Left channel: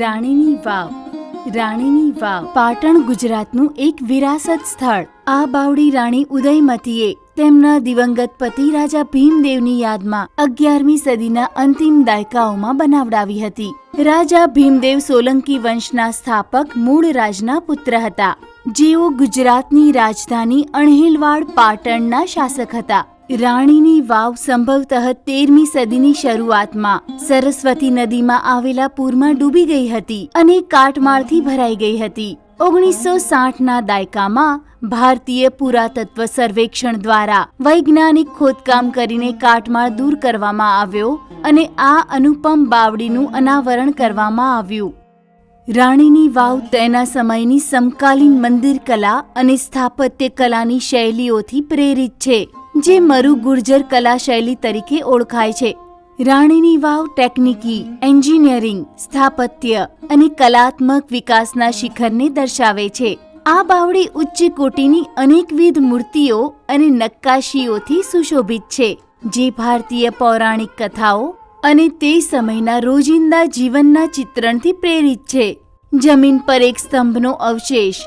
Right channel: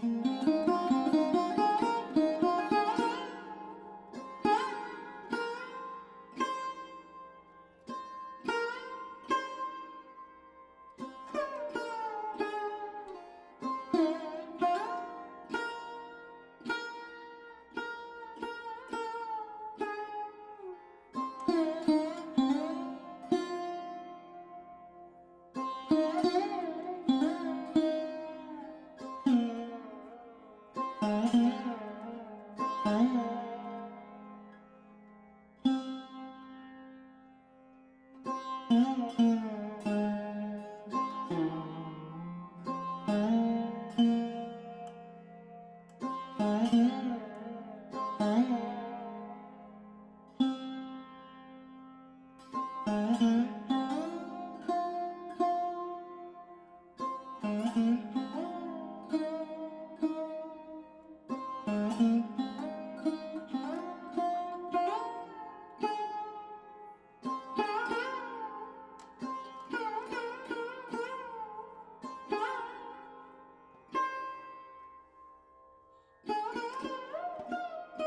રાણીની વાવ. રાણીની વાવ પાટણ ગુજરાતનું એક વિરાસત સ્થળ. આ બાવડી રાણી ઉદયમતીએ તેમના દિવંગત પતિ રાજા ભીમદેવની યાદમાં 11મી સદીના અંતિમ દાયકાઓમાં બનાવડાવી હતી. રાજા ભીમદેવ સોલંકી વંશના સ્થાપક મૂળ રાજના પુત્ર હતા, જેઓ ગુજરાતની રાજધાની અણહિલવાડ પાટણના શાસક હતા. રાણીની વાવ સંભવતઃ 13મી સદીની શરૂઆતમાં સરસ્વતી નદીમાં આવેલા પૂરમાં ડૂબી ગઈ હતી અને કાટમાળથી ભરાઈ ગઈ હતી. 1960ના દાયકામાં ભારતીય પુરાતત્વ સર્વેક્ષણ દ્વારા વૈજ્ઞાનિક ખોદકામ કરીને કાટમાળ દૂર કરવામાં આવ્યો અને આ અનુપમ બાવડીનું અનાવરણ કરવામાં આવ્યું. રાણીની વાવ તેના સમયની સમકાલીન મંદિર કલા અને સ્થાપત્ય કલાની શૈલીઓથી પ્રેરિત છે, જે મરુ ગુર્જર કલા શૈલી તરીકે ઓળખાય છે. રાણીની વાવ ટેકનિકી, એન્જિનિયરિંગ, સ્થાપત્ય અને કલાત્મક વિકાસના શિખરને દર્શાવે છે. આ બાવડી ઉચ્ચ કોટીની અનેકવિધ મૂર્તિઓ અને નક્કાશીઓથી સુશોભિત છે, જે ભારતીય પૌરાણિક કથાઓ અને તે સમયના રોજિંદા જીવનના ચિત્રણથી પ્રેરિત છે. જમીન પર એક સ્તંભનો અવશેષ,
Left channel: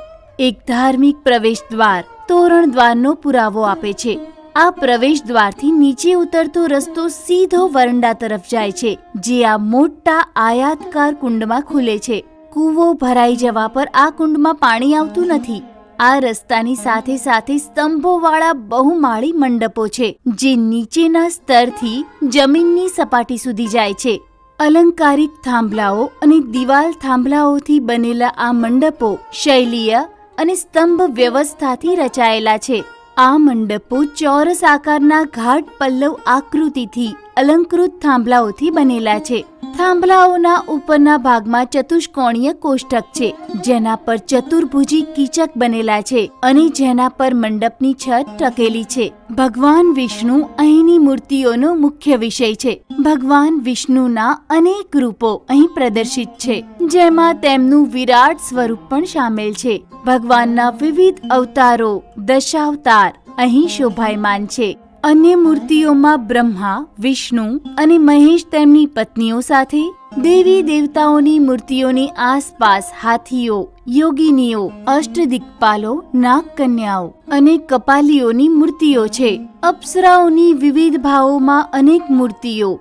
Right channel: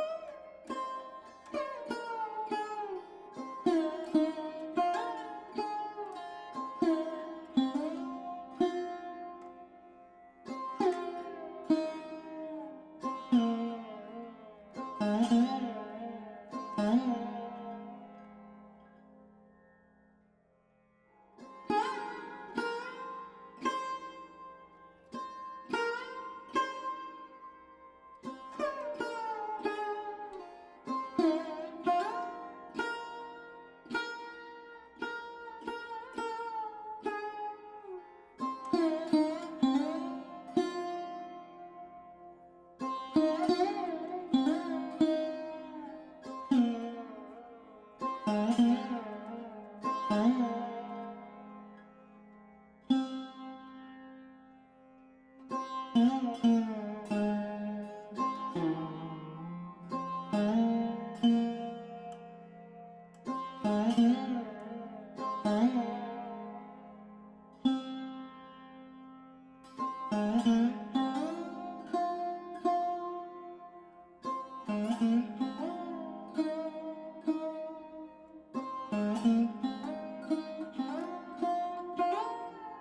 એક ધાર્મિક પ્રવેશ દ્વાર, તોરણ દ્વારનો પુરાવો આપે છે. આ પ્રવેશ દ્વારથી નીચે ઉતરતો રસ્તો સીધો વરંડા તરફ જાય છે, જે આ મોટા આયાતકાર કુંડમાં ખુલે છે. કૂવો ભરાઈ જવા પર આ કુંડમાં પાણી આવતું નથી. આ રસ્તાની સાથે સાથે સ્તંભોવાળા બહુમાળી મંડપો છે, જે નીચેના સ્તરથી જમીનની સપાટી સુધી જાય છે. અલંકારિક થાંભલાઓ અને દિવાલ થાંભલાઓથી બનેલા આ મંડપો શૈલીય અને સ્તંભ વ્યવસ્થાથી રચાયેલા છે. આ મંડપો ચોરસ આકારના ઘાટ પલ્લવ આકૃતિથી અલંકૃત થાંભલાઓથી બનેલા છે. થાંભલાઓના ઉપરના ભાગમાં ચતુષ્કોણીય કોષ્ટક છે, જેના પર ચતુર્ભુજી કીચક બનેલા છે અને જેના પર મંડપની છત ટકેલી છે. ભગવાન વિષ્ણુ અહીંની મૂર્તિઓનો મુખ્ય વિષય છે. ભગવાન વિષ્ણુના અનેક રૂપો અહીં પ્રદર્શિત છે, જેમાં તેમનું વિરાટ સ્વરૂપ પણ સામેલ છે. ભગવાનના વિવિધ અવતારો, દશાવતાર અહીં શોભાયમાન છે. અન્ય મૂર્તિઓમાં બ્રહ્મા, વિષ્ણુ અને મહેશ તેમની પત્નીઓ સાથે, દેવી દેવતાઓની મૂર્તિઓની આસપાસ હાથીઓ, યોગિનીઓ, અષ્ટદિક્પાલો, નાગકન્યાઓ અને કપાલીઓની મૂર્તિઓ છે. અપ્સરાઓની વિવિધ ભાવોમાં અનેક મૂર્તિઓ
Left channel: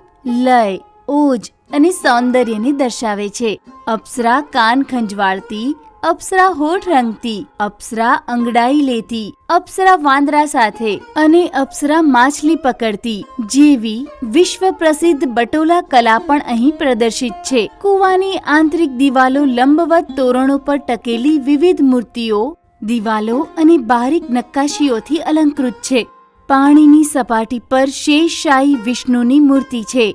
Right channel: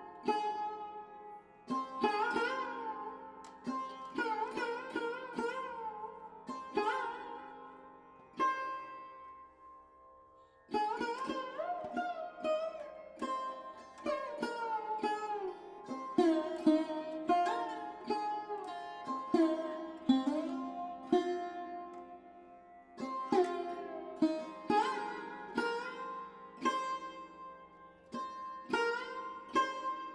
લય, ઓજ અને સૌંદર્યને દર્શાવે છે. અપ્સરા કાન ખંજવાળતી, અપ્સરા હોઠ રંગતી, અપ્સરા અંગડાઈ લેતી, અપ્સરા વાંદરા સાથે અને અપ્સરા માછલી પકડતી જેવી વિશ્વ પ્રસિદ્ધ બટોલા કલા પણ અહીં પ્રદર્શિત છે. કૂવાની આંતરિક દિવાલો લંબવત તોરણો પર ટકેલી વિવિધ મૂર્તિઓ, દિવાલો અને બારીક નક્કાશીઓથી અલંકૃત છે. પાણીની સપાટી પર શેષશાહી વિષ્ણુની મૂર્તિ છે,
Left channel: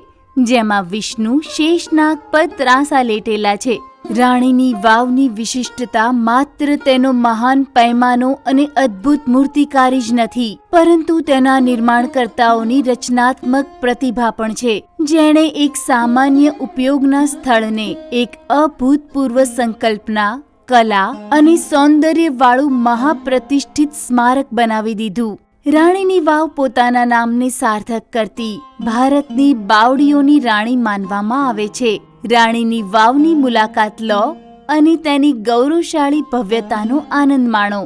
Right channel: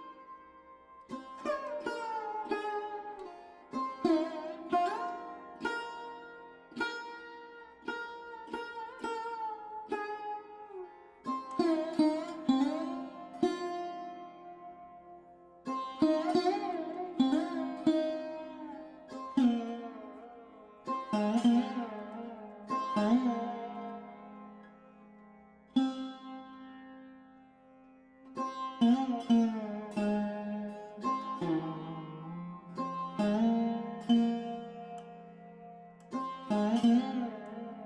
જેમાં વિષ્ણુ શેષનાગ પર ત્રાંસા લેટેલા છે. રાણીની વાવની વિશિષ્ટતા માત્ર તેનો મહાન પૈમાનો અને અદ્ભુત મૂર્તિકારી જ નથી, પરંતુ તેના નિર્માણકર્તાઓની રચનાત્મક પ્રતિભા પણ છે, જેણે એક સામાન્ય ઉપયોગના સ્થળને એક અભૂતપૂર્વ સંકલ્પના, કલા અને સૌંદર્યવાળું મહાપ્રતિષ્ઠિત સ્મારક બનાવી દીધું. રાણીની વાવ પોતાના નામને સાર્થક કરતી ભારતની બાવડીઓની રાણી માનવામાં આવે છે. રાણીની વાવની મુલાકાત લો અને તેની ગૌરવશાળી ભવ્યતાનો આનંદ માણો.